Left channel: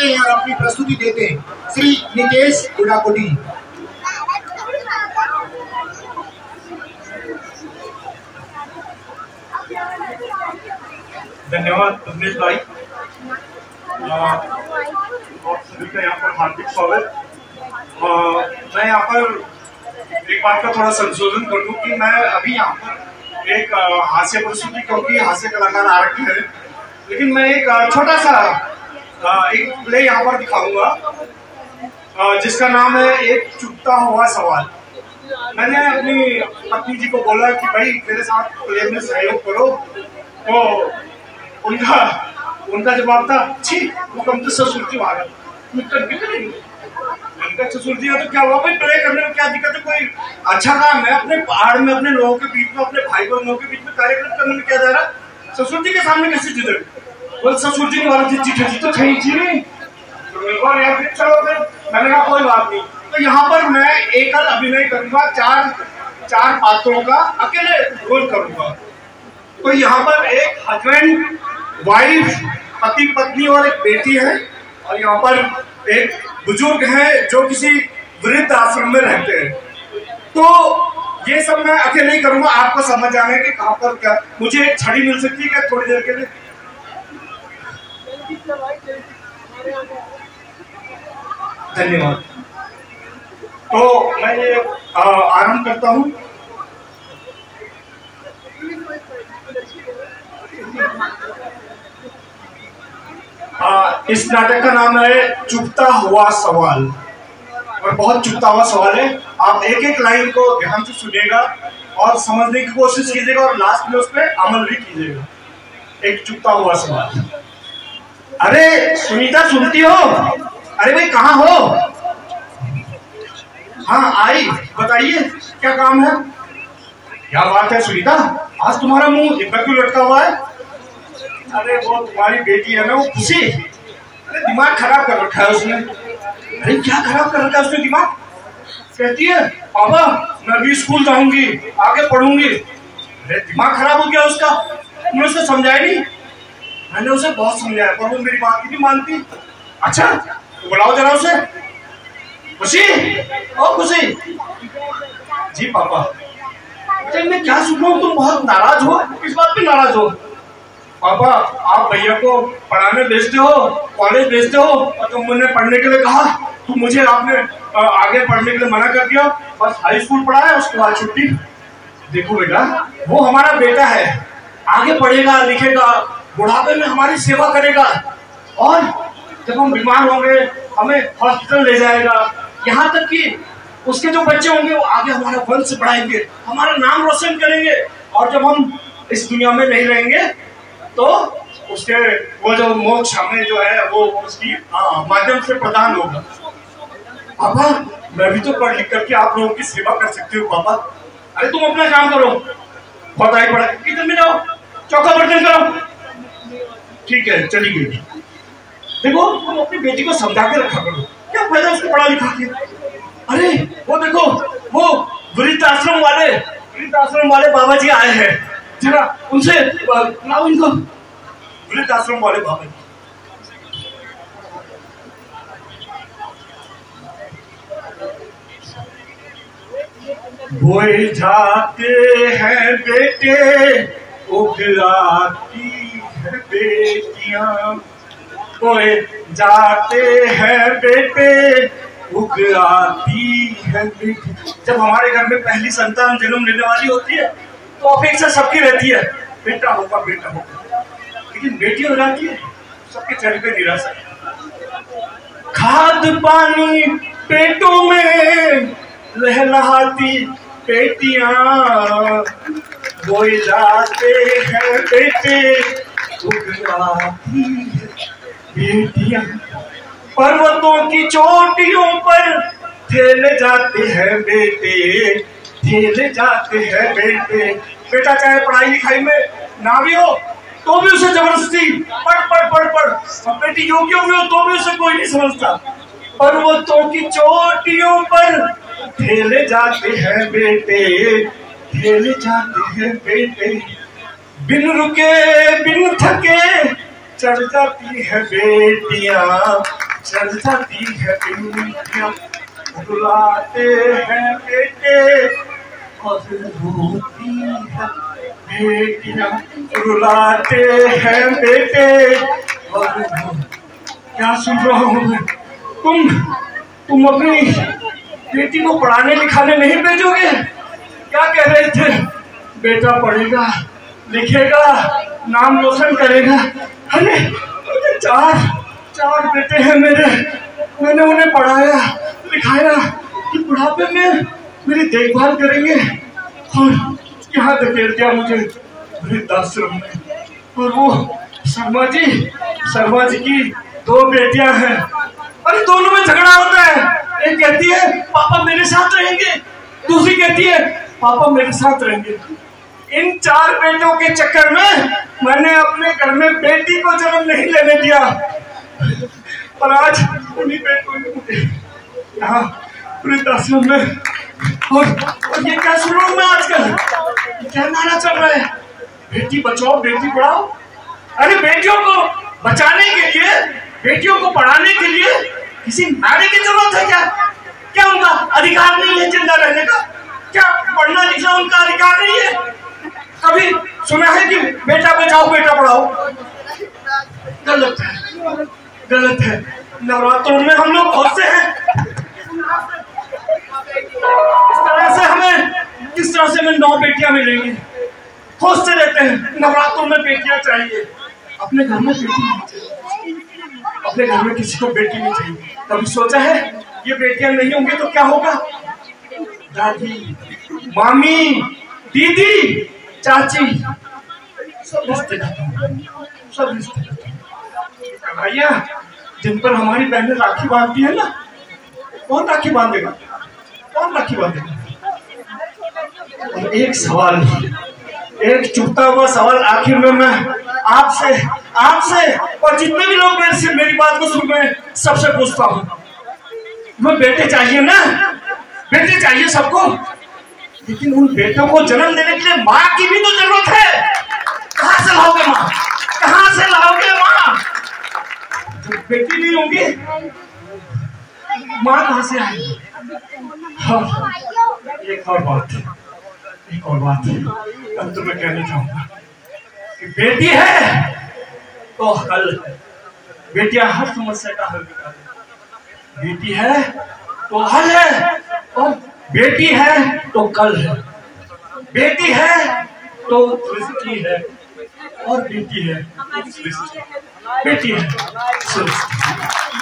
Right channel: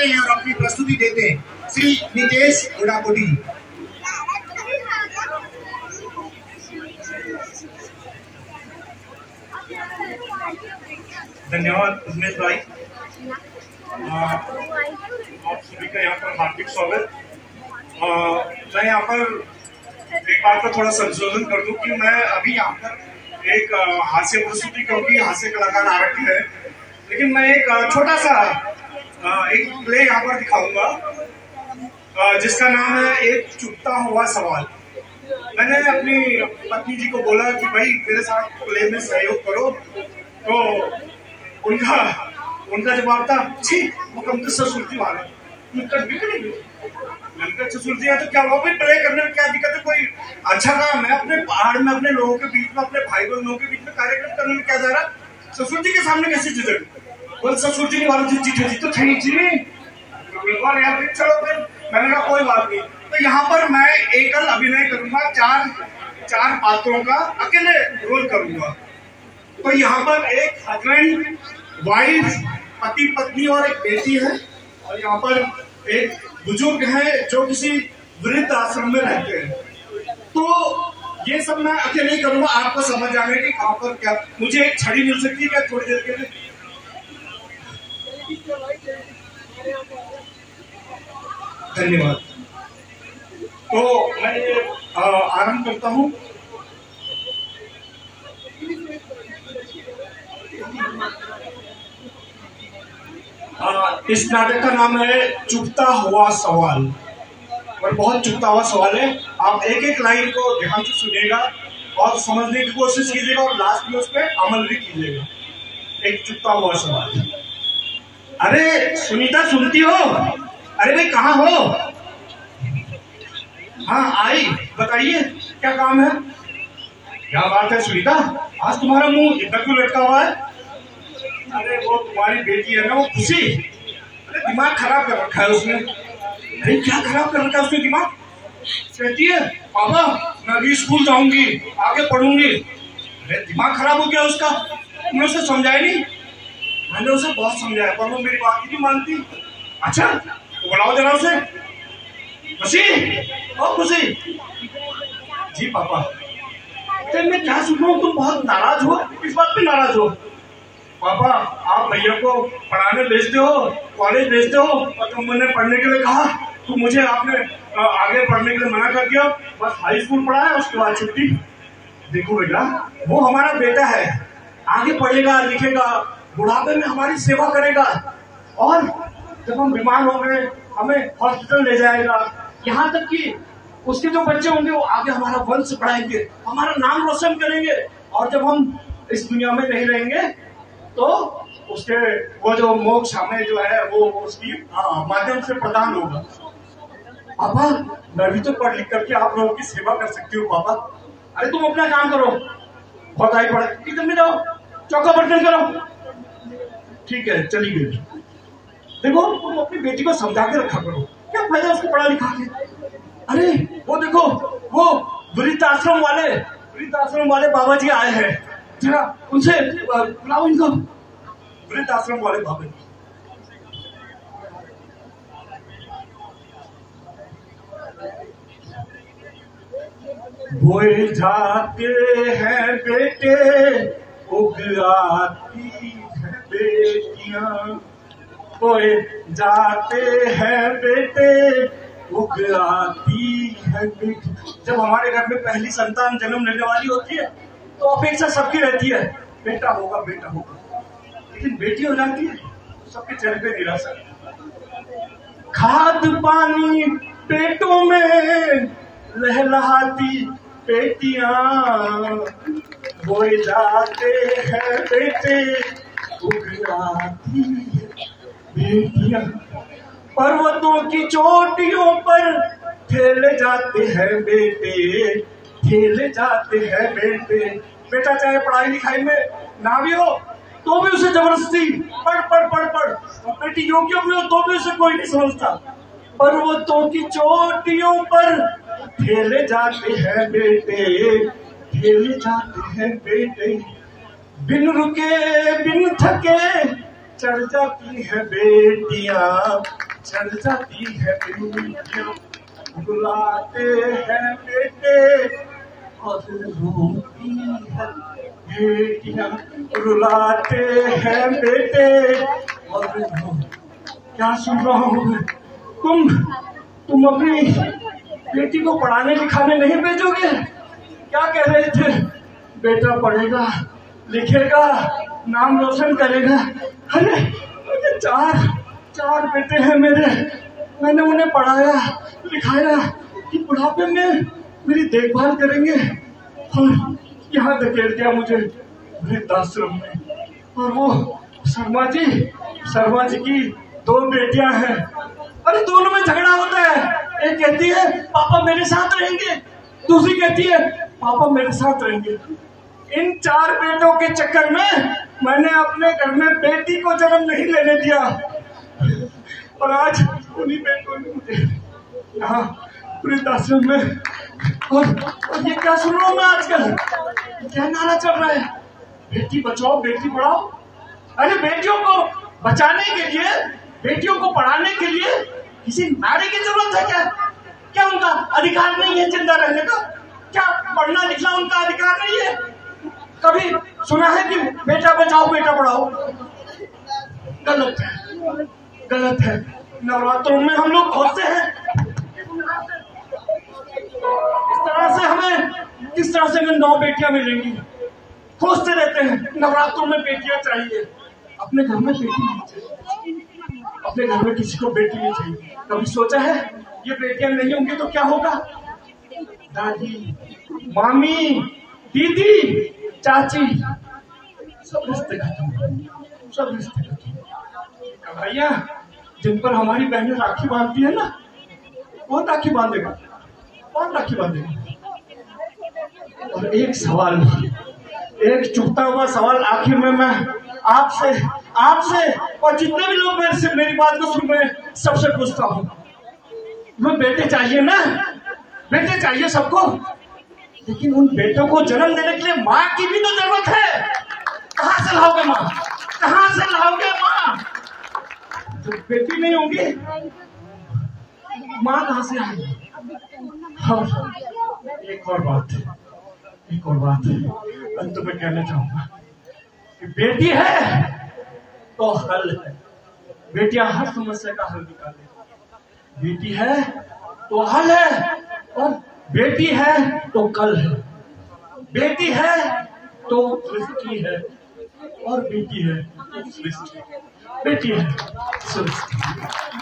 आते हैं और अपनी प्रस्तुति देते हैं श्री नितेश गुड़ाकोटी। धन्यवाद उमेश भाई और सभी का यहाँ पर हार्दिक स्वागत। मैं यहाँ पर एक बात का थोड़ा संशोधन कर दूं कि मैं अभी यहाँ पर एक हास्य प्रस्तुति, क्योंकि हास्य कलाकार आ रखे हैं, लेकिन मैं एक छोटा सा एक प्ले यहाँ पर दिखाऊंगा जिसका नाम है एक चुपता हुआ सवाल। मैंने अपनी पत्नी जी को बोला कि भाई मेरे साथ प्ले में सहयोग करो, तो उनका जवाब था, छी वो कम तो ससुर जी मारा उनका ससुर जी है तो क्या हुआ भाई, प्ले करने में क्या दिक्कत है, कोई अच्छा काम है, अपने पहाड़ में अपने लोगों के बीच में अपने भाई बहनों के बीच में कार्यक्रम करने में क्या जा रहा, ससुर जी के सामने कैसे झिझक, बोले ससुर जी वाला चिट्ठी तो थी जी, यार चलो फिर मैंने कहा कोई बात नहीं। तो यहाँ पर मैं एकल अभिनय करूंगा, चार पात्रों का अकेले रोल करूंगा। तो यहाँ पर एक हस्बैंड वाइफ, पति पत्नी और एक बेटी है, और यहाँ पर एक बुजुर्ग है जो किसी वृद्ध आश्रम में रहते हैं। तो ये सब मैं अकेले ही करूंगा, आपको समझ आने कि कहां पर क्या। मुझे एक छड़ी मिल सकती है क्या थोड़ी देर के लिए? धन्यवाद। तो मैं ये आरंभ करता हूं। इस नाटक का नाम है चुपता हुआ सवाल, और बहुत चुपता हुआ सवाल है। आप एक एक लाइन को ध्यान से सुनिएगा और समझने की कोशिश कीजिएगा, और लास्ट में उस पर अमल भी कीजिएगा। एक चुपता हुआ सवाल। अरे सुनीता, सुनती हो? अरे भाई कहाँ हो? हाँ आई, बताइए क्या काम है? क्या बात है सुनीता, आज तुम्हारा मुंह इतना क्यों लटका हुआ है? अरे वो तुम्हारी बेटी है ना, वो खुशी, अरे दिमाग खराब कर रखा है उसने। अरे क्या खराब कर रखा है उसने दिमाग? कहती है पापा मैं भी स्कूल जाऊंगी, आगे पढ़ूंगी। अरे दिमाग खराब हो गया उसका, तुमने उसे समझाया नहीं? मैंने उसे बहुत समझाया पर वो मेरी बात ही नहीं मानती। अच्छा तो बुलाओ जरा उसे। खुशी, ओ खुशी। जी पापा। अरे मैं क्या सुन रहा हूँ, तुम बहुत नाराज हो, किस बात पे नाराज हो? पापा आप भैया को पढ़ाने भेजते हो, कॉलेज भेजते हो, और तुम मुझे पढ़ने के लिए कहा, तो मुझे आपने आगे पढ़ने के लिए मना कर दिया, बस हाई स्कूल पढ़ा है उसके बाद छुट्टी। देखो बेटा, वो हमारा बेटा है, आगे पढ़ेगा लिखेगा, बुढ़ापे में हमारी सेवा करेगा, और जब हम बीमार होंगे हमें हॉस्पिटल ले जाएगा, यहाँ तक कि उसके जो बच्चे होंगे वो आगे हमारा वंश बढ़ाएंगे, हमारा नाम रोशन करेंगे, और जब हम इस दुनिया में नहीं रहेंगे तो उसके वो जो मोक्ष हमें जो है वो उसकी माध्यम से प्रदान होगा। पापा मैं भी तो पढ़ लिख करके आप लोगों की सेवा कर सकती हूँ पापा। अरे तुम अपना काम करो, बहुत आई पढ़ा, किचन में जाओ, चौका बर्तन करो। ठीक है चली गई। देखो तुम अपनी बेटी को समझा के रखा करो, क्या फायदा उसको पढ़ा लिखा के। अरे वो देखो वो वृद्धाश्रम वाले बाबा जी आए हैं, जरा उनसे बुलाओ इनको। वृद्धाश्रम वाले बाबा जी। बोए जाते हैं बेटे उगलाती है बेटियां, बोए जाते हैं बेटे उगलाती है बेटी। जब हमारे घर में पहली संतान जन्म लेने वाली होती है तो अपेक्षा सबकी रहती है बेटा होगा बेटा होगा, लेकिन बेटी हो जाती है सबके चेहरे पे निराशा। खाद पानी पेटों में लहलहाती बेटियां, बोए जाते हैं बेटे उगलाती है बेटियां, पर्वतों की चोटियों पर ठेले जाते हैं बेटे, ठेले जाते हैं बेटे। बेटा चाहे पढ़ाई लिखाई में ना भी हो तो भी उसे जबरदस्ती पढ़ पढ़ पढ़ पढ़, और बेटी योग्य हुई हो तो भी उसे कोई नहीं समझता। पर्वतों की चोटियों पर ठेले जाते हैं बेटे, ठेले जाते हैं बेटे, बिन रुके बिन थके चढ़ जाती है बेटियां, चल जाती है बेटियां, रुलाते हैं बेटे और रोती है बेटियां, रुलाते हैं बेटे और क्या सुन रहा हूँ मैं? तुम अपनी बेटी को पढ़ाने लिखाने नहीं भेजोगे? क्या कह रहे थे? बेटा पढ़ेगा लिखेगा नाम रोशन करेगा। अरे चार बेटे हैं मेरे, मैंने उन्हें पढ़ाया लिखाया कि बुढ़ापे में मेरी देखभाल करेंगे और यहाँ धकेल दिया मुझे वृद्धाश्रम में। और वो शर्मा जी की 2 बेटियां हैं। अरे दोनों में झगड़ा होता है। एक कहती है पापा मेरे साथ रहेंगे, दूसरी कहती है पापा मेरे साथ रहेंगे। इन 4 बेटों के चक्कर में मैंने अपने घर में बेटी को जन्म नहीं लेने दिया और आज उन्हीं बेटों ने मुझे यहाँ वृद्धाश्रम में और ये क्या सुन रहा हूँ मैं आजकल? क्या नारा चल रहा है? बेटी बचाओ बेटी पढ़ाओ। अरे बेटियों को बचाने के लिए, बेटियों को पढ़ाने के लिए किसी नारे की जरूरत है क्या? क्या उनका अधिकार नहीं है जिंदा रहने का? क्या पढ़ना लिखना उनका अधिकार नहीं है? कभी सुना है कि बेटा बचाओ बेटा पढ़ाओ? गलत है। नवरात्रों में हम लोग बहुत से हैं, किस तरह से हमें 9 बेटियां मिलेंगी, खोजते रहते हैं। नवरात्रों में बेटियां चाहिए, अपने घर में बेटी नहीं चाहिए, अपने घर में किसी को बेटी नहीं चाहिए। कभी सोचा है ये बेटियां नहीं होंगी तो क्या होगा? दादी, मामी, दीदी, चाची, सब रिश्ते खत्म। भैया जिन पर हमारी बहनें राखी बांधती है ना, कौन राखी बांधेगा? और एक सवाल, एक चुभता हुआ सवाल आखिर में मैं आपसे और जितने भी लोग मेरी बात को सुन रहे हैं सबसे पूछता हूँ। मैं बेटे चाहिए ना, बेटे चाहिए सबको, लेकिन उन बेटों को जन्म देने के लिए माँ की भी तो जरूरत है। कहाँ से लाओगे माँ? जब बेटी नहीं होंगी माँ कहाँ से आएगी? एक और बात अब तो मैं कहना चाहूंगा कि बेटी है तो हल है। बेटियां हर समस्या का हल निकाले। बेटी है तो हल है, और बेटी है तो कल है। बेटी है तो सृष्टि है, और बेटी है तो सृष्टि। बेटी है सृष्टि।